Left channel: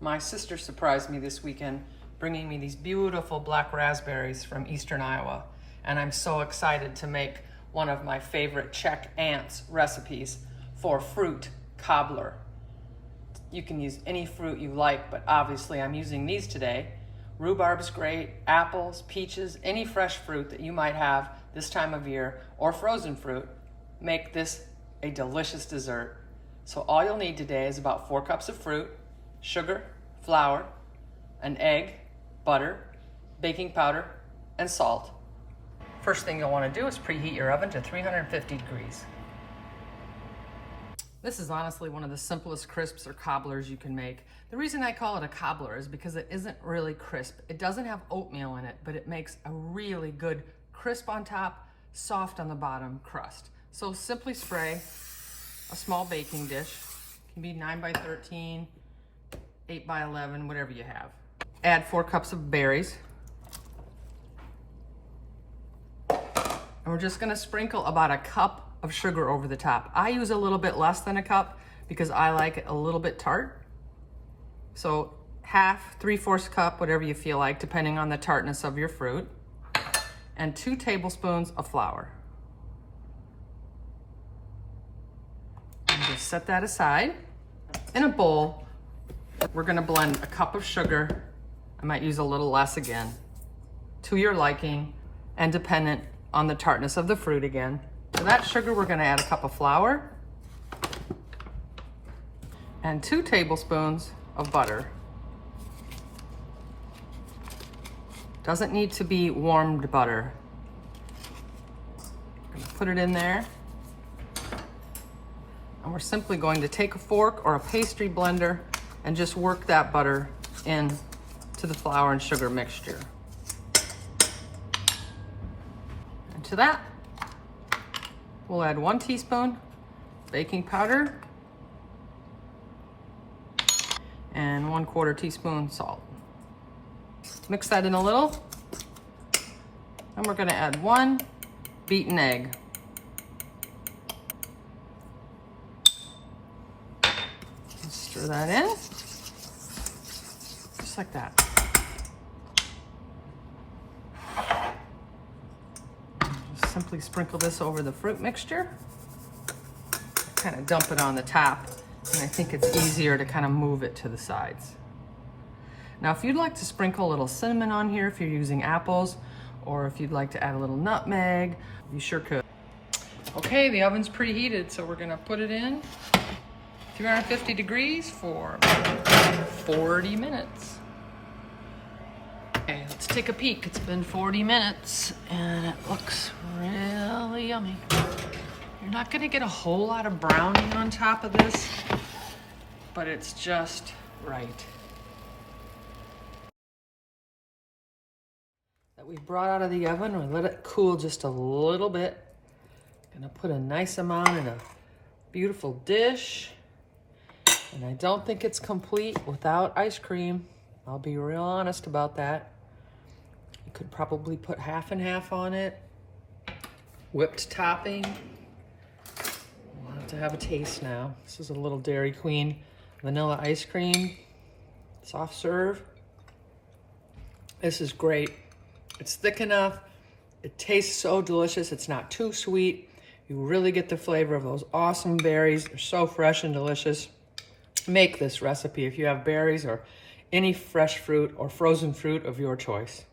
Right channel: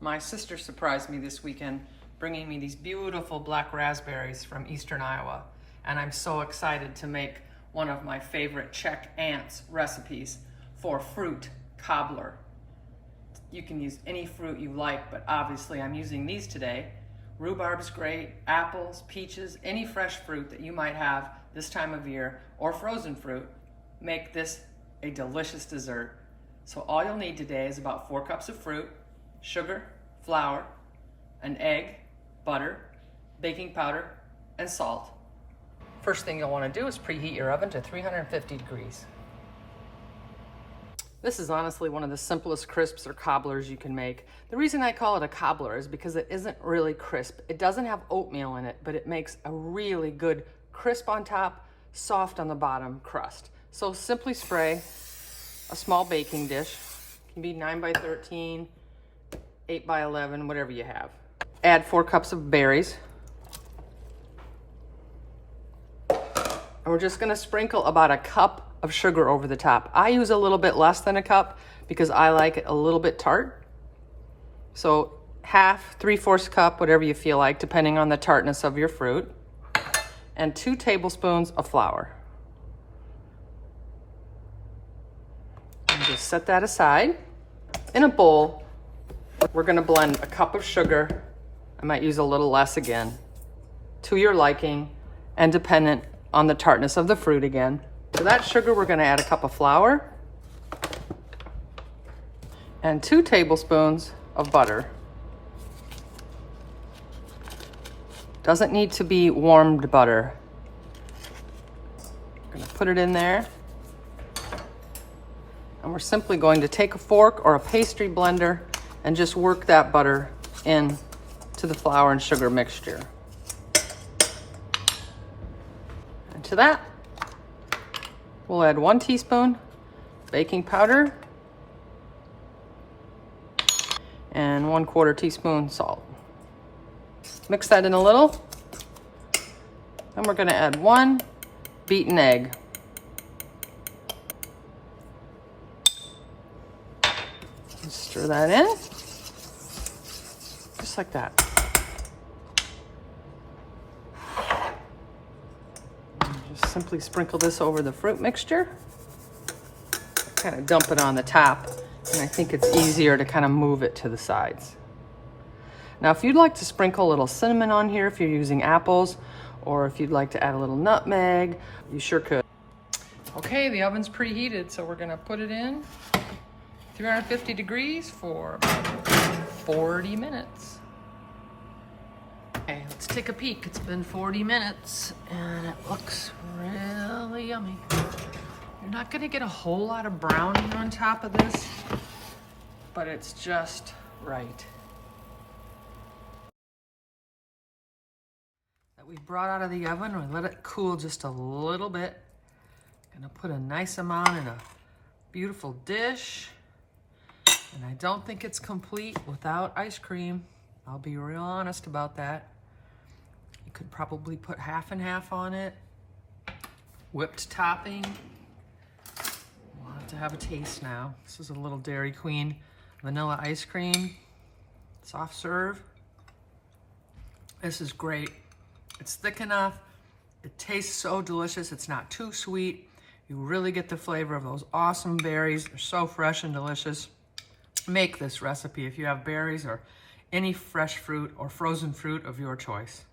My sister surprised me this weekend bringing me these beautiful black raspberries from eastern Iowa, and I'm so excited to make one of my favorite Czech aunts recipes for fruit cobbler. You can use any fruit you like, but obviously I'm using these today. Rhubarb's great, apples, peaches, any fresh fruit that you might have this time of year, or frozen fruit, make this a delicious dessert. So all you'll need today is about 4 cups of fruit, sugar, flour, an egg, butter, baking powder, and salt. First thing you'll want to do is preheat your oven to 350 degrees. This is honestly one of the simplest crisps or cobblers you can make. The reason I call it a cobbler is because it isn't really crisp. It doesn't have oatmeal in it, but it makes a really good crisp on top, soft on the bottom crust. So simply spray a small baking dish. It can be 9 by 13, 8 by 11, whatever you have. Add 4 cups of berries. And we're just gonna sprinkle about a cup of sugar over the top. I use a little bit less than a cup because I like it a little bit tart. So half, 3/4 cup, whatever you feel like, depending on the tartness of your fruit. And 2 tablespoons of flour. And just set that aside. In a bowl, we're gonna blend a cup of sugar. I might use a little less again, to your liking and dependent on the tartness of the fruit again. To that sugar, we're gonna add a cup of flour and 2 tablespoons of butter. Doesn't need to be warmed butter. I'm gonna put it in there. And we're simply going to take a fork or a pastry blender and just work that butter in to the flour and sugar mixture. And to that, we'll add 1 teaspoon baking powder and 1/4 teaspoon salt. Mix that in a little. And we're gonna add 1 beaten egg. Stir that in, just like that. Just simply sprinkle this over the fruit mixture. Kind of dump it on the top, and I think it's easier to kind of move it to the sides. Now, if you'd like to sprinkle a little cinnamon on here, if you're using apples, or if you'd like to add a little nutmeg, you sure could. Okay, the oven's preheated, so we're gonna put it in 350 degrees for 40 minutes. Okay, let's take a peek. It's been 40 minutes and it looks really yummy. You're not gonna get a whole lot of browning on top of this, but it's just right. That we brought out of the oven, we let it cool just a little bit. Gonna put a nice amount in a beautiful dish. And I don't think it's complete without ice cream. I'll be real honest about that. You could probably put half and half on it. Whipped topping. We'll have to have a taste now. This is a little Dairy Queen vanilla ice cream. Soft serve. This is great. It's thick enough. It tastes so delicious. It's not too sweet. You really get the flavor of those awesome berries. They're so fresh and delicious. Make this recipe if you have berries or any fresh fruit or frozen fruit of your choice.